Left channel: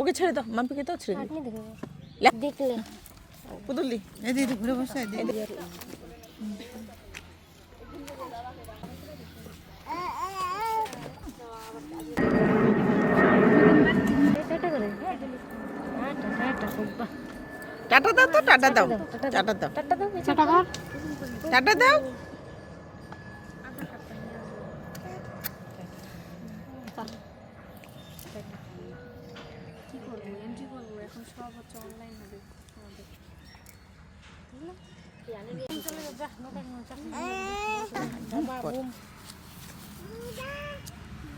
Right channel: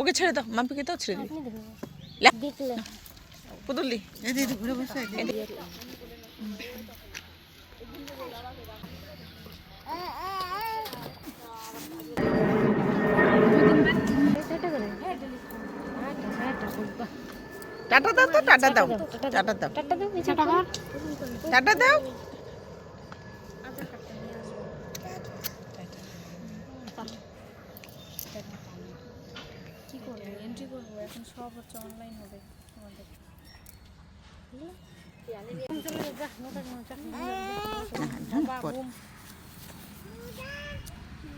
ওকে ছেড়ে দাও, মাম্পিকে দাও, ছেড়ে দিই। দেখলে পুতুলি এদিকে ঘুরে বসে টাটা দাও তো, টাটা দাও, টাটা দাও, টাটা দাও।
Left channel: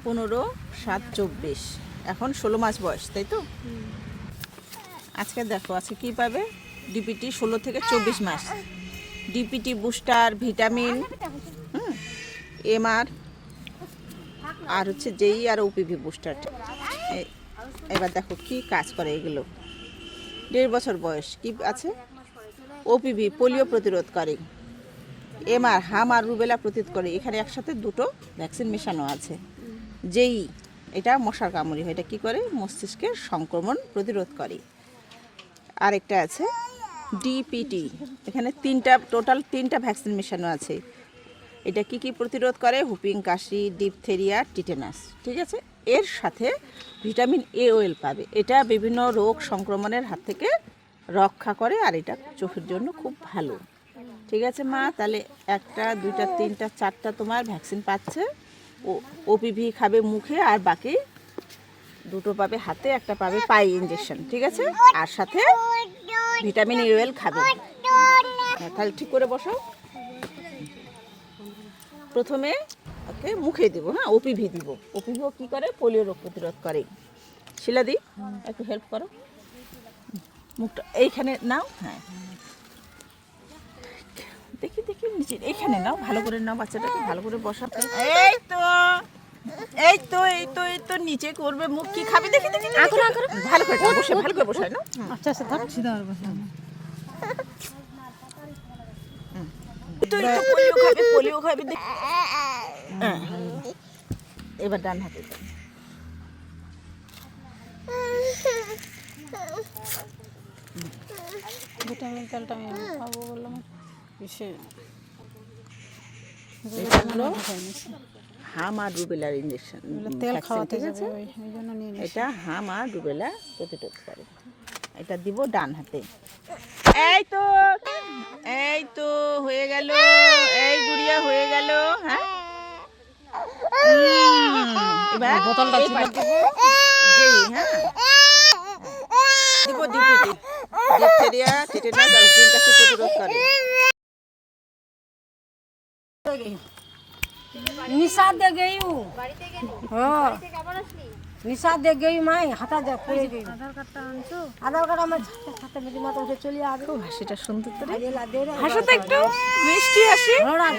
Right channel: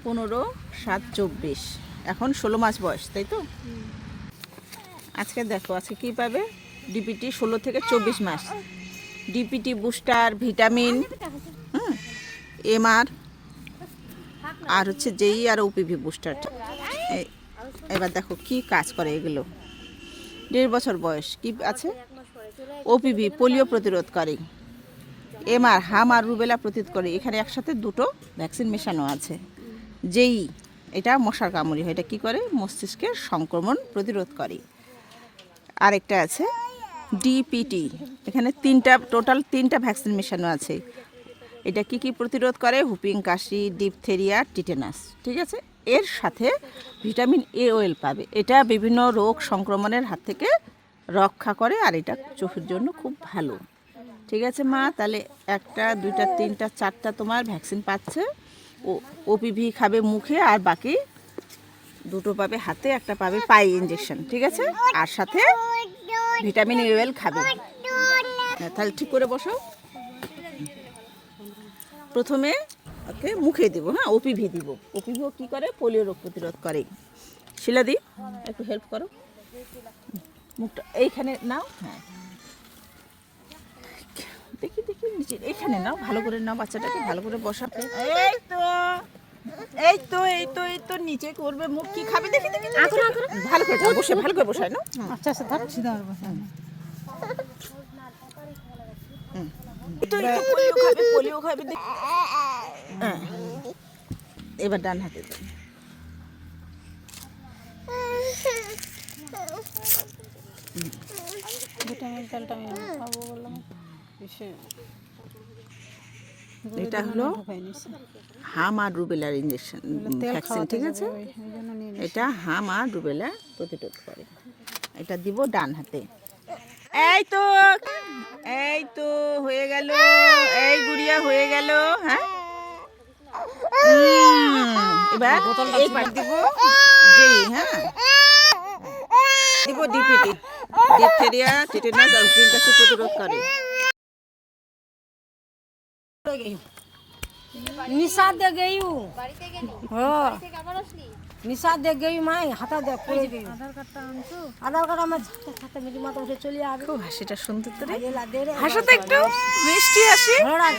পনেরো 7-24, এখন 16 মাস বয়স, তাই তো? আজকে দেখো আজকে কি পাবে, ডিপিটি 16 থেকে 24 মাস, ডিপিটি বুস্টার, ভিটামিন, এমআর, আর হচ্ছে জেই আর ওপিভি বুস্টার। এবার দেখো কি কাজ করে এগুলো। 1.5 বছর বয়স, কি আছে, ওপিভি পোলিও প্রতিরোধকারী, এমআর হাম আর রুবেলা প্রতিরোধ করে। এখানে একসাথে দুটো ভ্যাকসিন মেশানো আছে। জেই এটা মশার কামড়ি হয়, এটা কী করে, মস্তিষ্কের সংক্রমণ প্রতিরোধ করে। আরেকটা আছে ডিপিটি, এখানে টোটাল তিনটা ভ্যাকসিন মেশানো আছে। এটা কি কি প্রতিরোধ করে, হুপিং কাশি, ডিপথেরিয়া, টিটেনাস, ঠিক আছে। এর সাথে ভিটামিন এ ওয়েল পাবে, এটা বিভিন্ন রোগ সংক্রমণের হাত থেকে রক্ষা করে, আর এটা চোখের জন্য খুব ভালো, ঠিক আছে মা। তাহলে 1টা 2টা 3টা 4টা তোমার ভ্যাকসিন পাচ্ছে। ওপিভি খাবে মুখে, আর বাকি 2টো পাবে হাতে, 1টা পাবে পায়ে ইঞ্জেকশন, ঠিক আছে। আর সাথে ভিটামিন এ ওয়েল খাবে। তাহলে ঠিক করে বসো। প্রথমে ওকে মুখে দিব, হ্যাঁ, ওপিভি দিব। ওপিভিও কী করে, পোলিও রোগ প্রতিরোধ করে। শিলাদি একটু হেল্প করো, মুখটা এইখানে নাও, হ্যাঁ, দেখি দেখি নিচে এইখানে নাও, ভালো করে নাও, বাচ্চাটাকে ভালো করে বসাতে। এই তো এই তো এই তো এই তো নিচে করবে, মুখ কি খাবে দেখি দেখি, ভালো করে বসে, ভালো করে বসায় না। আচ্ছা আচ্ছা থাকছি দাঁড় বসে পোলিও খাবে হ্যাঁ। এবার ডান হাতে দাও। ভিটামিন তেলটামিন খাবো বললাম, এটা হলো হাম আর রুবেলার ইঞ্জেকশন, তেল খাওয়াতে ঠিক আছে। ওই জন্য নিয়ে নিই। এটা হাম আর রুবেলা প্রতিরোধ করে। এটা দিব ডান হাতে। এই তো এই তো হয়ে গেল, এই গুড়িয়া হয়ে গেল, হ্যাঁ। এবার বোতলটা দিব জি, হ্যাঁ, দিব ডিপিটি, ডিপথেরিয়া, টিটেনাস আর হুপিং কাশি প্রতিরোধ করে। निशा दे गई हूँ, हाँ निशा दे गई मैं, हाथा दे पड़े गई। आधार कार्ड আমার সাথে মেরি মাথা উঠে চলে যাবে। খুব হাসিটা সুন্দর তোরে, দে রে হাসো তো একটু, মিষ্টি হাসি।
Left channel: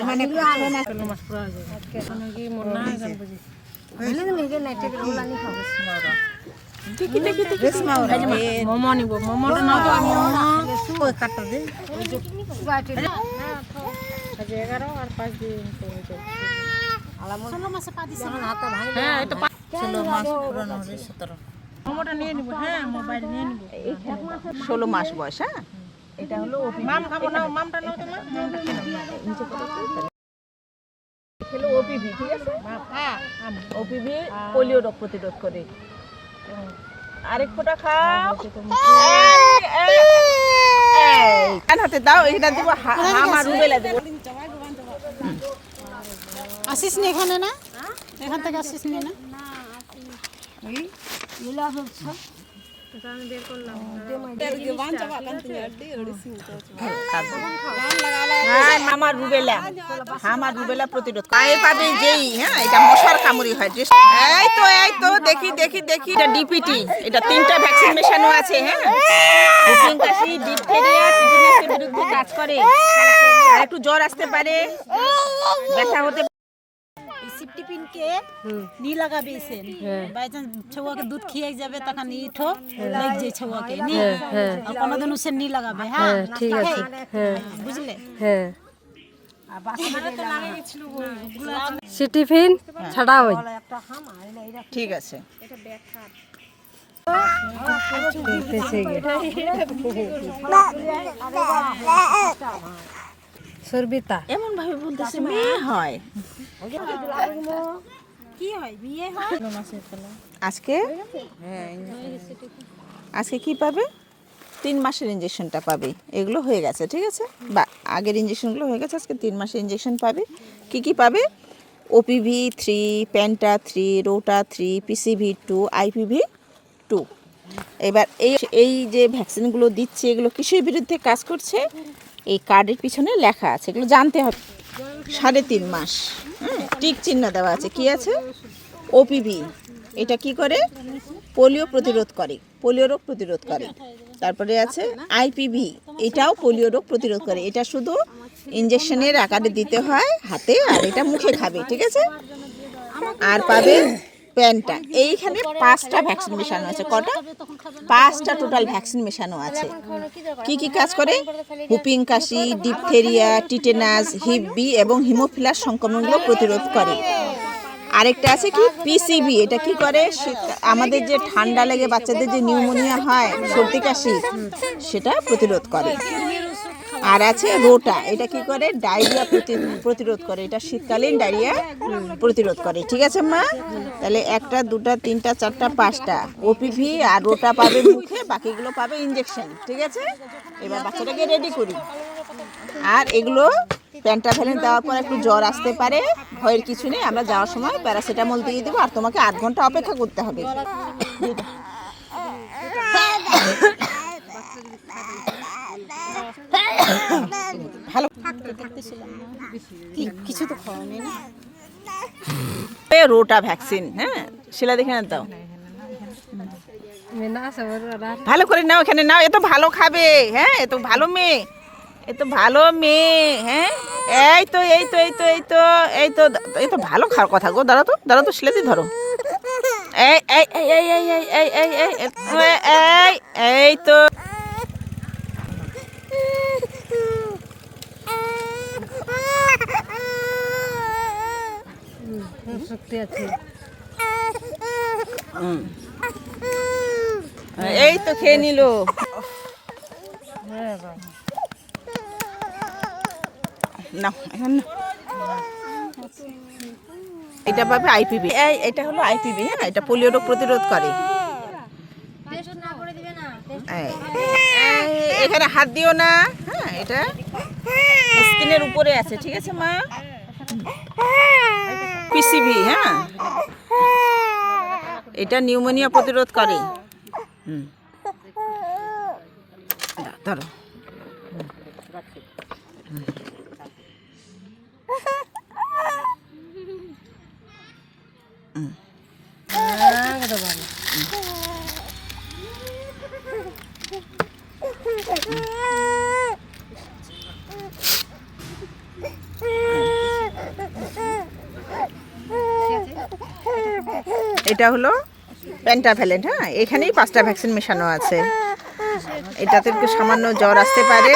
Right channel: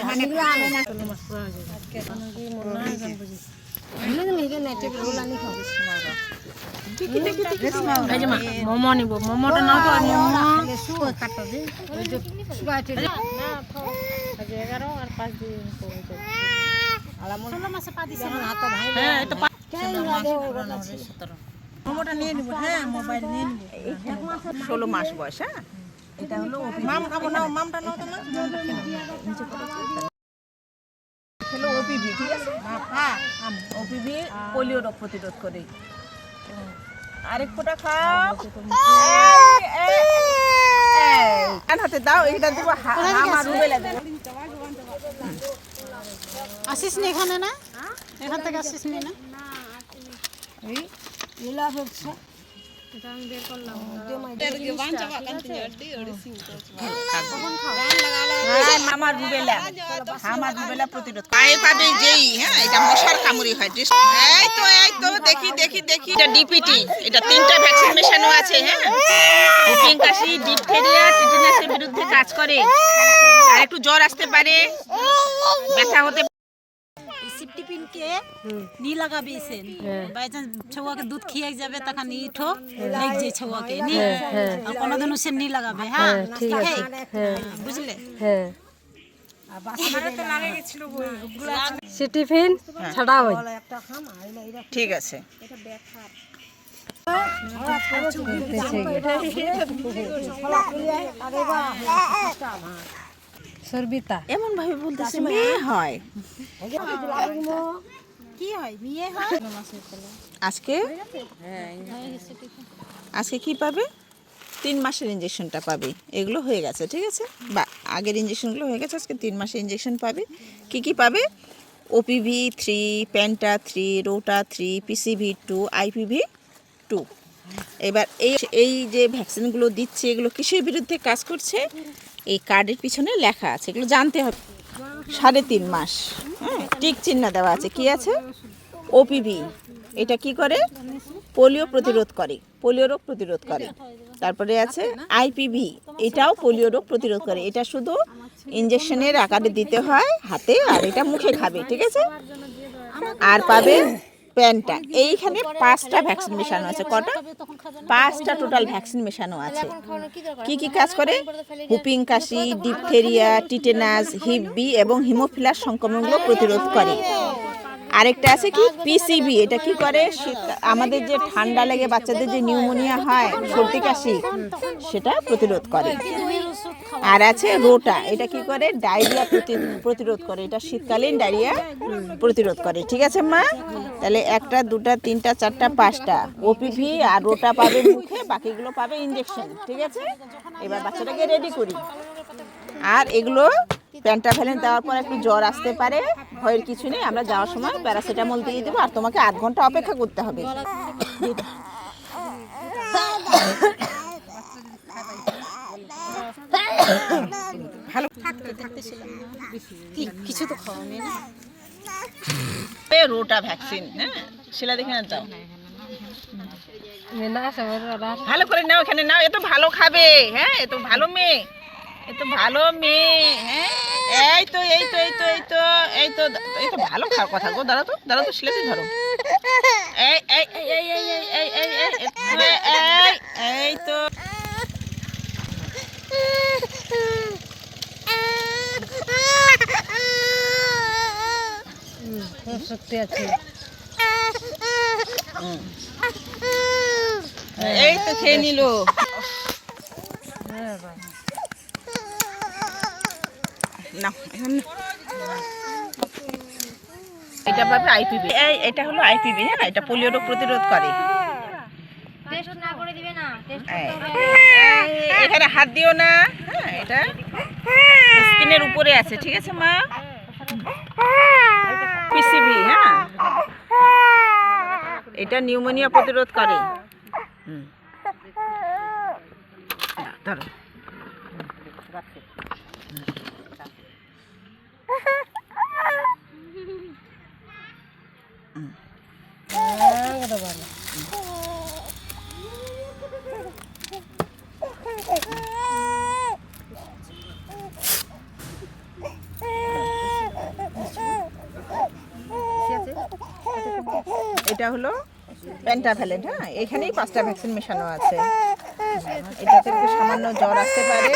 মানে আবে না চলো মাস পুরা হয়ে যাবে কেন কি মন না গান বুঝি বলে নি রে নেটে গুলা নি খাবো মোমো নিব, মোমোটা নাও তো, মোমো কাটটা দে ওই যে সুগাটি না আজ 11 আর 5 দিন তো হয়ে যাবে। আলামন 16 মাসে পা দিছে আমার হাতে ভাই, হ্যাঁ এই তো 16 মাস পুরনো হবে 17। মোমোটা নিয়ে নিব, হ্যাঁ মোবাইল নিয়ে নিব। 16 মাস বয়স, হ্যাঁ। এটা হলো মাম খাবো না, মামটা নাও তো মা, হলো ওপিভি, ঠিক আছে। ওপিভি পোলিও রোগ প্রতিরোধ করে। আরেক ফোঁটা খাও, ডান হাতে দাও, এইটা দিব, আমার রুবেলা দেব। আসিস নি এখানে না, এখান থেকে আসিস নি না, এই ইলা হচ্ছে আমার রুবেলা, আমার রুবেলা প্রতিরোধ পায়ে পাবে যেই, হ্যাঁ, এটা মশার কামড়ি হয়। এই তো দেখি দেখি দেখি, এটা ডিপিটি, এটা 3টা ভ্যাকসিন মেশানো আছে, হ্যাঁ। হুপিং কাশি, ডিপথেরিয়া, টিটেনাসের বিরুদ্ধে কাজ করে। আর একটু জ্বর আসতে পারে, ব্যথা হতে। টিফিন কে নি লাগাবে ইসেন বাই চান্স ছৌয়াকে দুধ খেয়ে যাবে তখন ইঠো লাগ যে ছৌয়াকে নি আর কোনদিন উসে নি লাগাবে, হ্যাঁ ঠিক আছে, হ্যাঁ বুঝলে, হ্যাঁ টিফিন ছাড়া হয়, ঠিক আছে। সর্বিতা এমন ভাবে বলতেছে মেয়ে হয়। কি হয় বিয়ে হয় আজকে আজকে কি পাবে? 3 মাসের ইঞ্জেকশনটা পাবে। এগুলো হয়ে গেছে, ঠিক আছে, বা আগের ইঞ্জেকশনগুলো হয়ে গেছে, আজকে 3 মাসের ইঞ্জেকশন পাবে। কি কি পাবে? OPV 3, penta 3, rota 3, PCV 2, IPv 2। এবার এই যে ভ্যাকসিনগুলো দিচ্ছে, এগুলো কিসের বিরুদ্ধে কাজ করছে? এই কার্ডের পিছনে লেখা আছে, এগুলো জানতে হবে। 3.5 মাস, হ্যাঁ, টিক চিহ্ন দেওয়া আছে। কি আছে? ওপিভি, এটা কি করে? পোলিও প্রতিরোধ করে, পোলিও রোগ প্রতিরোধ করে। তারপরে আছে আইপিভি, এটাও পোলিও রোগ প্রতিরোধ করে। এটা শুধু ইঞ্জেকশনের আকারে দিতে হয় হাতে, আর এটা মুখে খাবে, ঠিক আছে। আর পাবে পেন্টা। এইখানে 5টা ভ্যাকসিন মেশানো আছে। কটা? 5টা টোটাল ভ্যাকসিন মেশানো আছে। কি কি কাজ করে? হুপিং কাশি, ডিপথেরিয়া, টিটেনাস, হিপ বি এবং হিমোফিলাস সংক্রমণগুলো প্রতিরোধ করে। আরেকটা আছে কি? পিসিবি। এটা কি করে? আমাদের যে ঠান্ডা লেগে বাচ্চাদের যে নিউমোনিয়া হয়, সর্দি কাশি, সেটা প্রতিরোধ করে। আর আছে রোটা, এটা কি করে? ডায়রিয়া প্রতিরোধ করে। এটা শীতকালীন ডায়রিয়া প্রতিরোধ করে, ঠিক আছে মা? তাহলে 1টা 2টা 3টা 4টা 5টা ওপিভি আর রোটা পাবে মুখে, বাকিগুলো পাবে ইঞ্জেকশন, ঠিক আছে। এবার বাচ্চাটাকে রেডি করি। আর এগুলো পেন্টাভ্যালেন দেওয়ার পর একটু জ্বর আসতে পারে, ভয়ের কিছু নেই। আমরা যাওয়ার সময় প্যারাসিটামল দিয়ে দেবো, আর তোমাকে 8 ঘন্টা অপেক্ষা করতে হবে। ভালো দেখতেছিলাম না কিছু তো খাওয়া নেই না। রোটা ভ্যাকসিন, হ্যাঁ, শিলা দেখে না দাও, না ভালো করে নাও, এখানে নাও। এ তো ভালো খাবে, হ্যাঁ, এ তো ভালো মেয়ে, এ তো ভালো মেয়ে, হ্যাঁ। এই তো এই তো এই তো এই তো এই তো এই তো ভালো খাওয়ার কথা গো। দাঁড়াও তো, দাঁড়াও তো, শিলাতে ধরো। এই এই এই এই এই এই এই এই এই এই তো শক্তি আছে। এই তো খেয়ে নিল। না এটা পাবে আইপিভি। এটা হলো আইপিভি, হ্যাঁ, এটা পোলিও রোগ প্রতিরোধ করে। এখানে হাত দিও না, হ্যাঁ, এটা স্কিনের উপরে আছে, ঠিক আছে মা। পিসিভি, হ্যাঁ, এটা নিউমোনিয়া প্রতিরোধ করে। ধরো। এটা হলো পেন্টাভ্যালেন্ট, হ্যাঁ, এখানেই 5টা ভ্যাকসিন মেশানো আছে। এটাতে একটু সামান্য জ্বর আসতে পারে,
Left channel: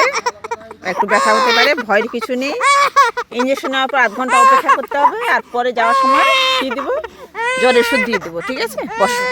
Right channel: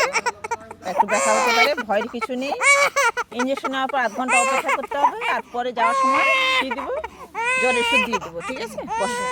একটু ব্যথা হতে পারে, ভয়ের কিছু নেই। ইঞ্জেকশন নেওয়ার পর 8 ঘন্টা অপেক্ষা করতে হবে, আর পরে যাওয়ার সময় দিয়ে দেবো, জ্বরের ওষুধ দিয়ে দেবো, ঠিক আছে। বসো।